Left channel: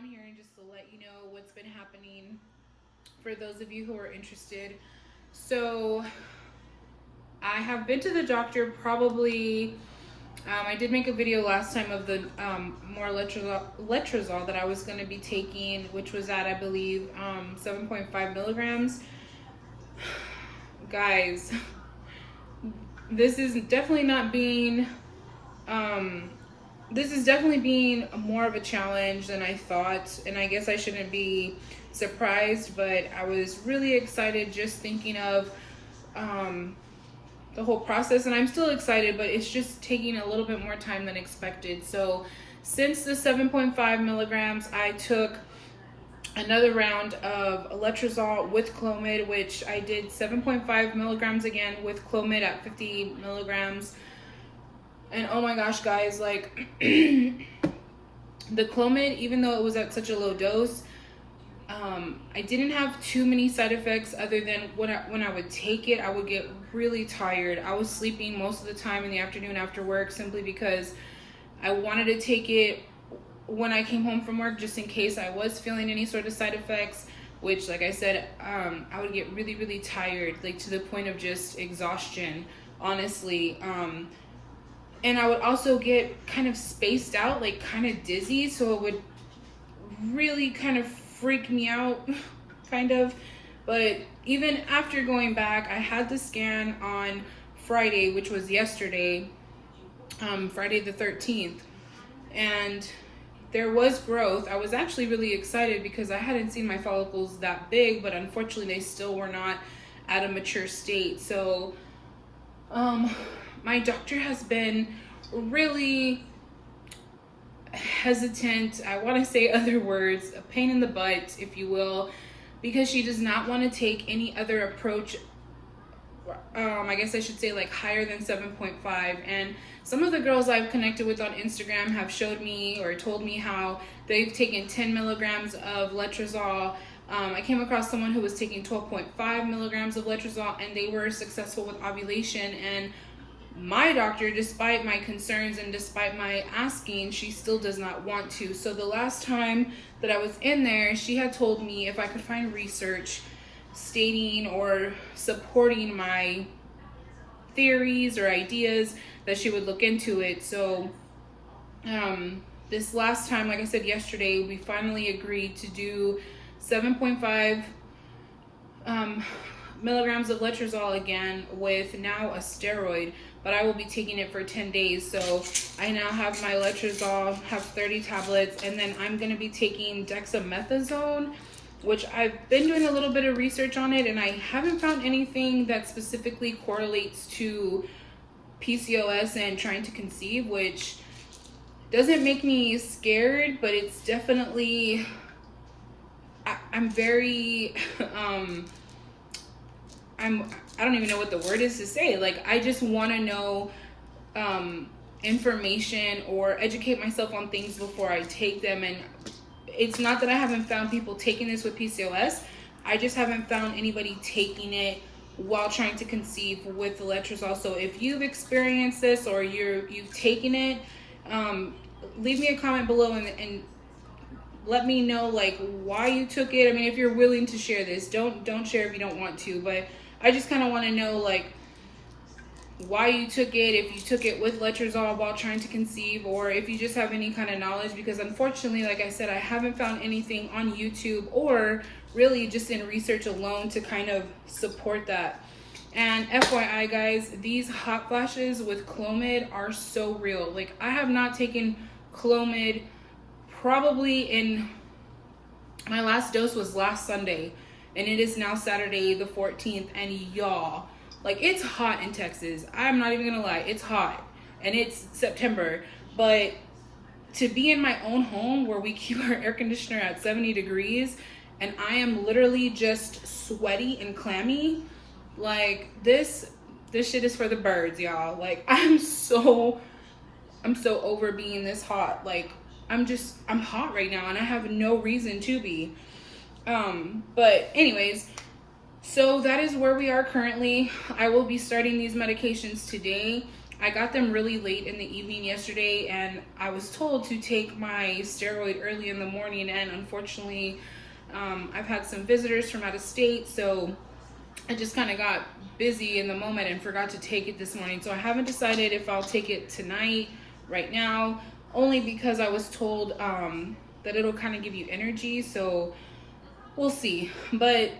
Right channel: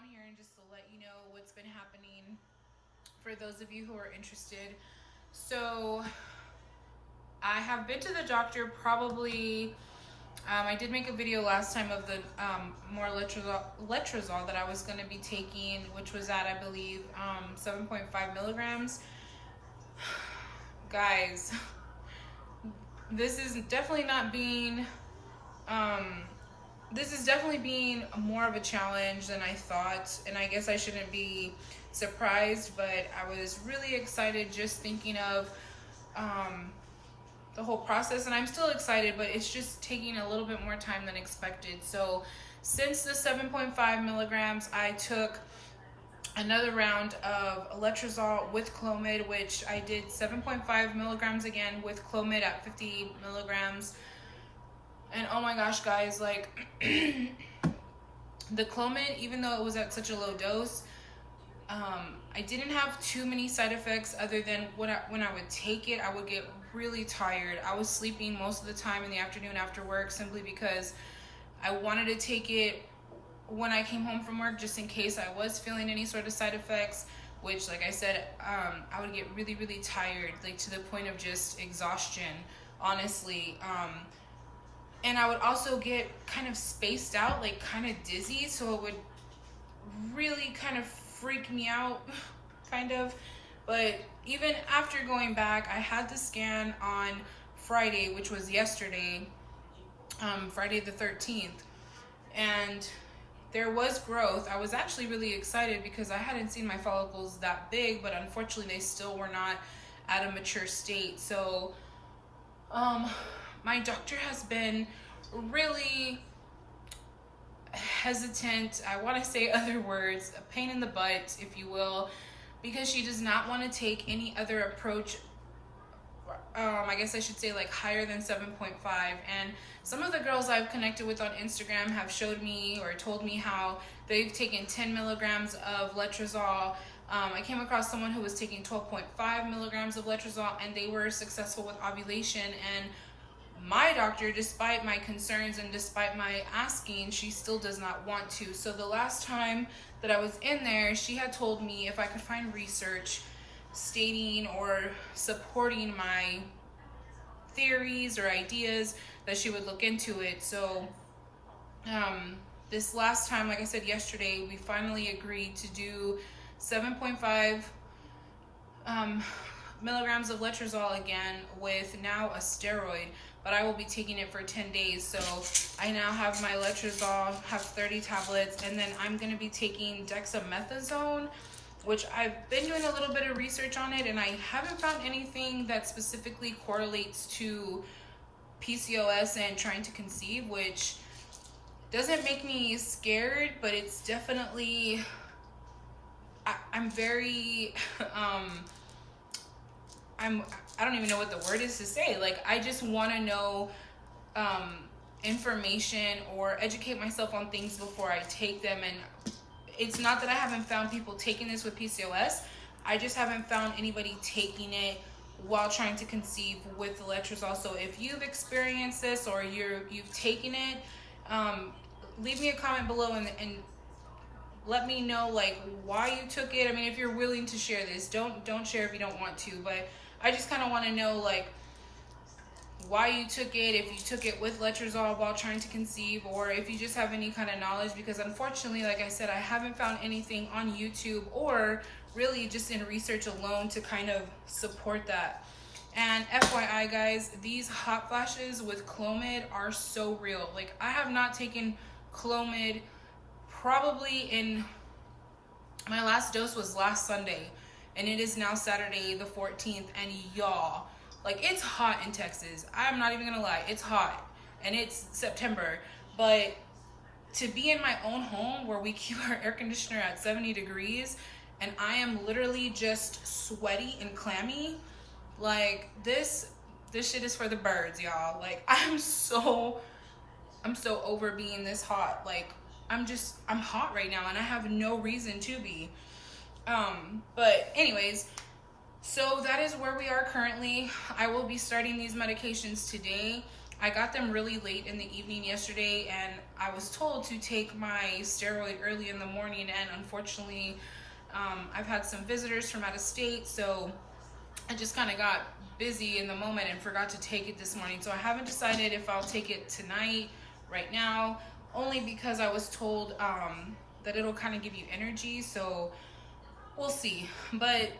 on here and just to let you know what's been happening for those of you who are interested. So I have been to the doctor probably, I did make a video last time of the more letrozole that I was going to be taking, which was at, I believe, 7.5 milligrams. Guys, this is definitely not being, this is definitely being more of a challenge than I thought, and I guess I shouldn't be surprised, but I was really excited just thinking of the whole process, and I'm still excited, but it's just taking a little bit more time than expected. So since the 7.5 milligrams, I took another round of letrozole with Clomid, which I did 7.5 milligrams again with Clomid at 50 milligrams. And oh my gosh, guys, like the Clomid, even though it was at such a low dose, I didn't have too many side effects other than when I would take it, I would get really tired. I was sleeping most of the time in the afternoon after work simply because I wanted to take it when I came home from work, just in case I was feeling any sort of side effects, which, like I said, I would get really, really tired, like to the point of just exhaustion, honestly. And I would also get kind of spaced out, like kind of dizzy, so it would really kind of freak me out, kind of. But even after going back, I had the scan on Friday, which was yesterday, Friday the 13th, and there was growth. I was actually really excited because I hadn't seen my follicles that big, but unfortunately they still were not at a mature state. So my doctor has been really hesitant. I want to say other words, a pain in the butt, if you will, because she does not want to take any other approach. I guess I should say like higher than 7.5. And some of the girls I've connected with on Instagram have showed me or told me how they've taken 10 milligrams of letrozole. I came across someone who was taking 12.5 milligrams of letrozole and they were successful with ovulation. And my doctor, despite my concerns and despite my asking, she still does not want to. So the last time that I was in there, she had told me if I could find research stating or supporting my theories or ideas, that she would look into it. So this last time, like I said yesterday, we finally agreed to do 7.5 milligrams of letrozole again with now a steroid, but I will be taking it for 10 days. So I now have my letrozole, have 30 tablets, and then I'm going to be taking dexamethasone, which I've been doing a little bit of research on it, and I haven't found anything that specifically correlates to PCOS and trying to conceive, which doesn't make me scared, but it's definitely, I'm very, I don't even know what the word is to say. Like, I just want to know information or educate myself on things before I take them. And it's not that I haven't found people taking this with PCOS. I just haven't found anybody taking it while trying to conceive with the letrozole. So if you've experienced this or you've taken it, leave me a comment below and let me know like why you took it. I mean, if you're willing to share this, don't share if you don't want to, but I just kind of want to know like why you took it, if you took it with letrozole while trying to conceive, or if you just have any kind of knowledge, because unfortunately, like I said, I haven't found anything on YouTube or really just in research alone to kind of support that. And FYI guys, these hot flashes with Clomid are so real. Like, I have not taken Clomid probably in, my last dose was last Sunday, and it is now Saturday the 14th, and y'all, like, it's hot in Texas. I'm not even gonna lie, it's hot, and it's September, but to be in my own home where we keep our air conditioner at 70 degrees, and I am literally just sweaty and clammy, like, this shit is for the birds, y'all. Like, I'm so over being this hot. Like, I'm hot right now, and I have no reason to be. But anyways, so that is where we are currently. I will be starting these medications today. I got them really late in the evening yesterday, and I was told to take my steroid early in the morning, and unfortunately, I've had some visitors from out of state, so I just kind of got busy in the moment and forgot to take it this morning. So I haven't decided if I'll take it tonight, right now, only because I was told that it'll kind of give you energy, so we'll see. But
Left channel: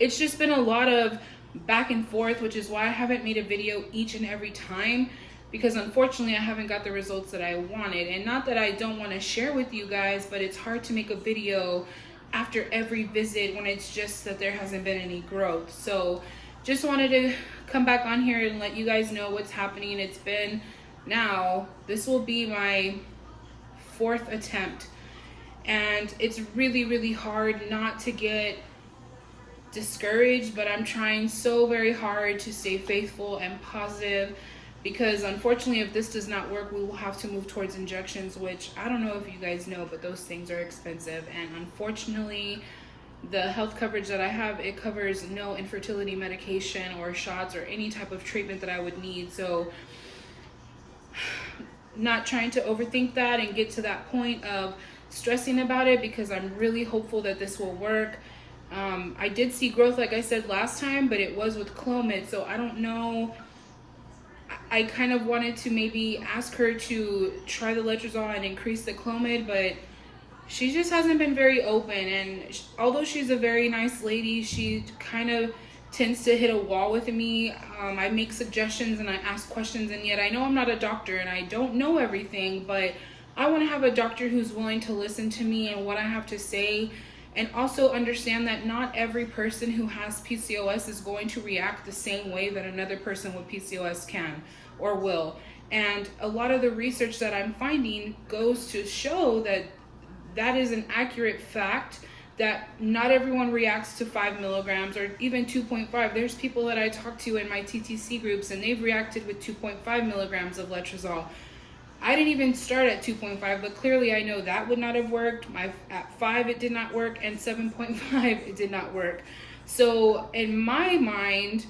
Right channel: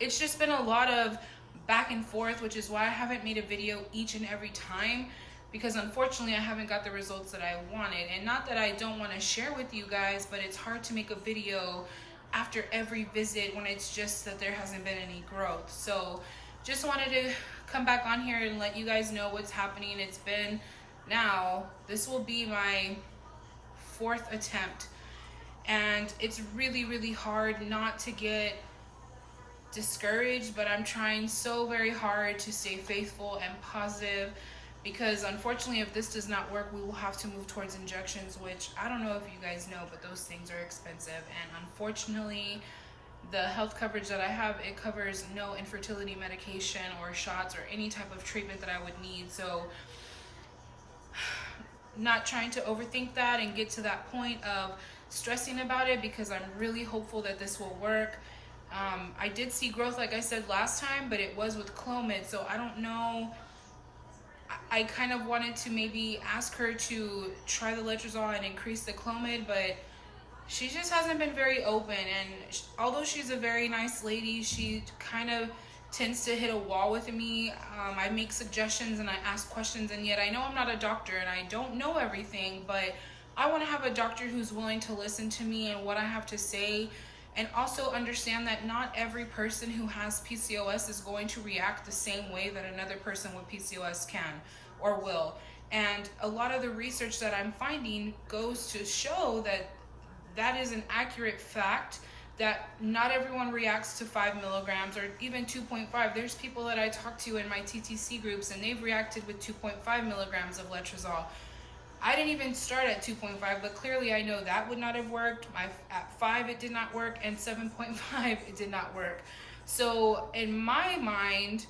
it's just been a lot of back and forth, which is why I haven't made a video each and every time, because unfortunately I haven't got the results that I wanted. And not that I don't want to share with you guys, but it's hard to make a video after every visit when it's just that there hasn't been any growth. So just wanted to come back on here and let you guys know what's happening. It's been, now this will be my 4th attempt, and it's really hard not to get discouraged, but I'm trying so very hard to stay faithful and positive, because unfortunately if this does not work, we will have to move towards injections, which I don't know if you guys know, but those things are expensive. And unfortunately the health coverage that I have, it covers no infertility medication or shots or any type of treatment that I would need. So not trying to overthink that and get to that point of stressing about it, because I'm really hopeful that this will work. I did see growth, like I said last time, but it was with Clomid, so I don't know. I kind of wanted to maybe ask her to try the Letrozole and increase the Clomid, but she just hasn't been very open. And although she's a very nice lady, she kind of tends to hit a wall with me. I make suggestions and I ask questions, and yet I know I'm not a doctor and I don't know everything, but I want to have a doctor who's willing to listen to me and what I have to say, and also understand that not every person who has PCOS is going to react the same way that another person with PCOS can or will. And a lot of the research that I'm finding goes to show that that is an accurate fact, that not everyone reacts to 5 milligrams or even 2.5. There's people that I talk to in my TTC groups and they've reacted with 2.5 milligrams of Letrozole. I didn't even start at 2.5, but clearly I know that would not have worked. At 5 it did not work, and 7.5 it did not work. So in my mind,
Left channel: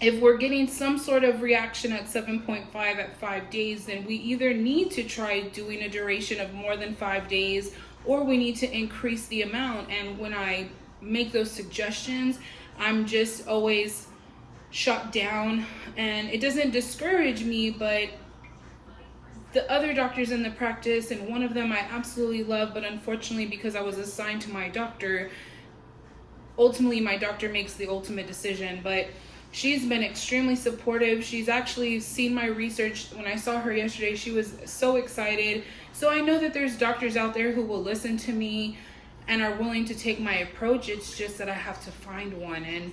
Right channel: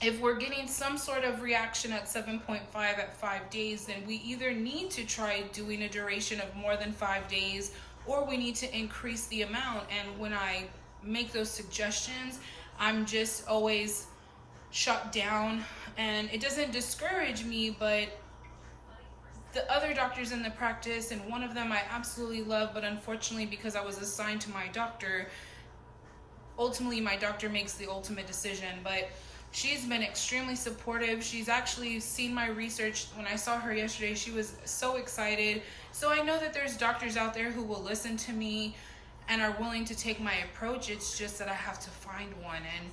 if we're getting some sort of reaction at 7.5 at 5 days, then we either need to try doing a duration of more than 5 days, or we need to increase the amount. And when I make those suggestions, I'm just always shut down, and it doesn't discourage me, but the other doctors in the practice, and one of them I absolutely love, but unfortunately because I was assigned to my doctor, ultimately my doctor makes the ultimate decision, but she's been extremely supportive. She's actually seen my research. When I saw her yesterday, she was so excited. So I know that there's doctors out there who will listen to me and are willing to take my approach. It's just that I have to find one, and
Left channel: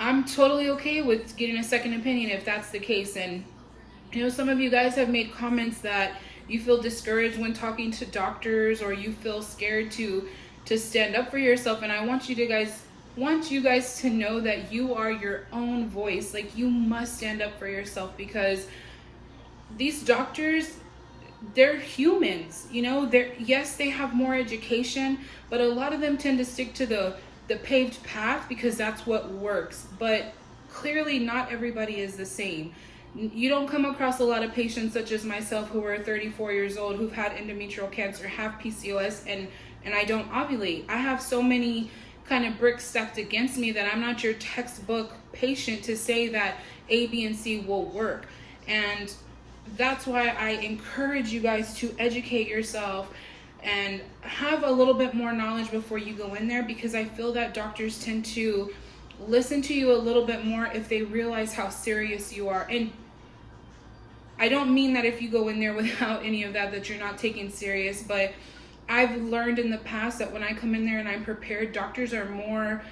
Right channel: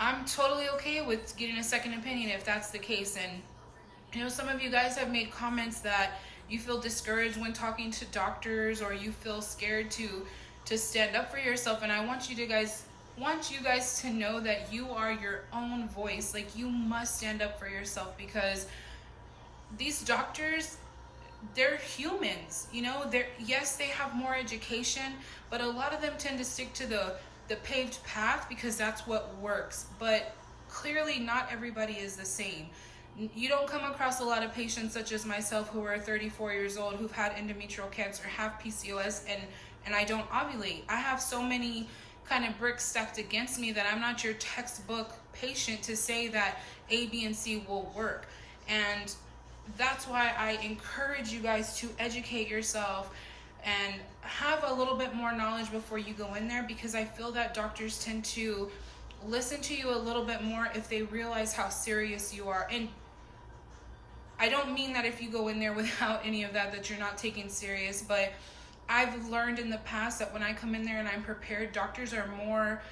I'm totally okay with getting a second opinion if that's the case. And you know, some of you guys have made comments that you feel discouraged when talking to doctors, or you feel scared to stand up for yourself. And I want you guys to know that you are your own voice. Like, you must stand up for yourself, because these doctors, they're humans, you know. Yes, they have more education, but a lot of them tend to stick to the paved path because that's what works. But clearly not everybody is the same. You don't come across a lot of patients such as myself who are 34 years old, who've had endometrial cancer, have PCOS, and I don't ovulate. I have so many kind of bricks stacked against me that I'm not your textbook patient to say that A, B, and C will work. And that's why I encourage you guys to educate yourself and have a little bit more knowledge before you go in there, because I feel that doctors tend to listen to you a little bit more if they realize how serious you are. And I don't mean that if you go in there without any of that you're not taken serious, but I've learned in the past that when I come in there and I'm prepared, doctors are more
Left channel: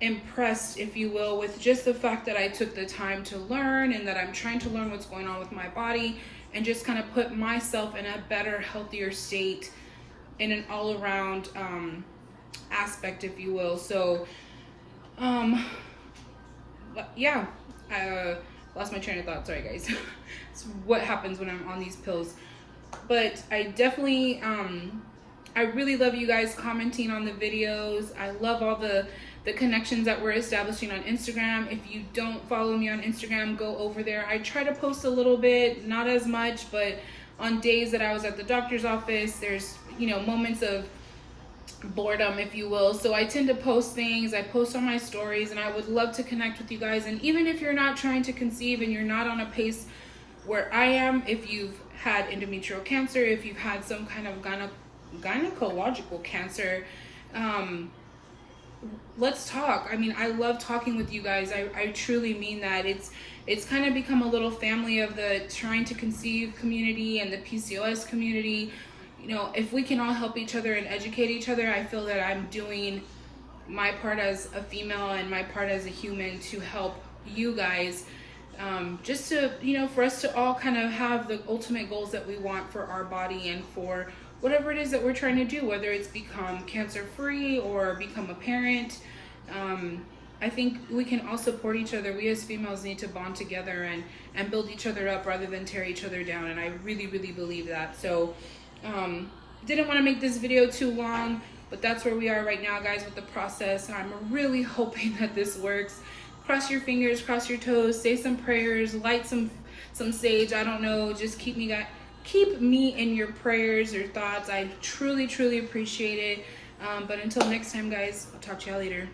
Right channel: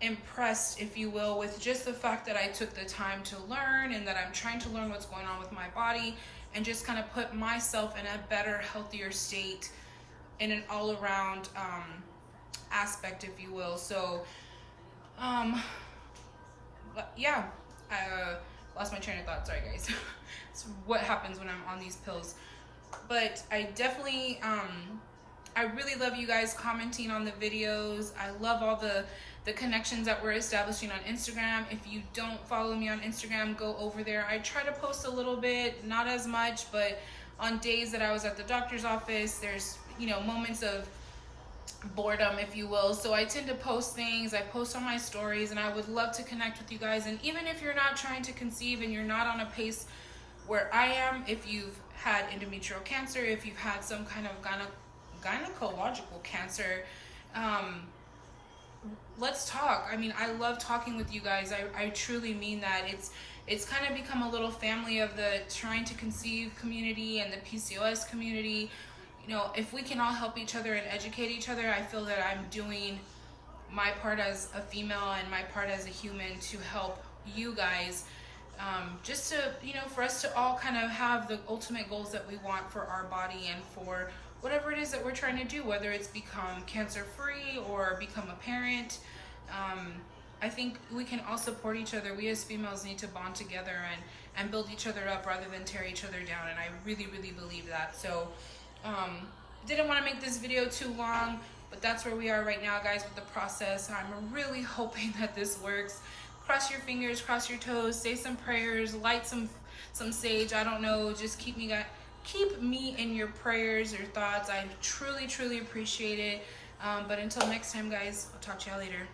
impressed, if you will, with just the fact that I took the time to learn and that I'm trying to learn what's going on with my body and just kind of put myself in a better, healthier state in an all-around aspect, if you will. So yeah, I lost my train of thought. Sorry guys. It's what happens when I'm on these pills. But I definitely I really love you guys commenting on the videos. I love all the connections that we're establishing on Instagram. If you don't follow me on Instagram, go over there. I try to post a little bit, not as much, but on days that I was at the doctor's office, there's, you know, moments of boredom, if you will. So I tend to post things. I post on my stories, and I would love to connect with you guys. And even if you're not trying to conceive and you're not on a pace where I am, if you've had endometrial cancer, if you've had some kind of gynecological cancer, let's talk. I mean, I love talking with you guys. I truly mean that. It's kind of become a little family of the trying to conceive community and the PCOS community. You know, if we can all help each other and educate each other, I feel that I'm doing my part as a female and my part as a human to help you guys, just to, you know, for us to all kind of have the ultimate goals that we want for our body and for whatever it is that we're trying to do, whether it's become cancer-free or become a parent. I think we can all support each other. We as females need to bond together and build each other up rather than tear each other down. And I really, really believe that. So didn't want to make this video too long, but that's where we are right now, guys, with the process. I'm really hoping that this works. Cross your fingers, cross your toes, say some prayers, light some sage. I don't know. Just keep me in your prayers or thoughts. I truly, truly appreciate it. But until next time, guys, I'll talk to y'all later.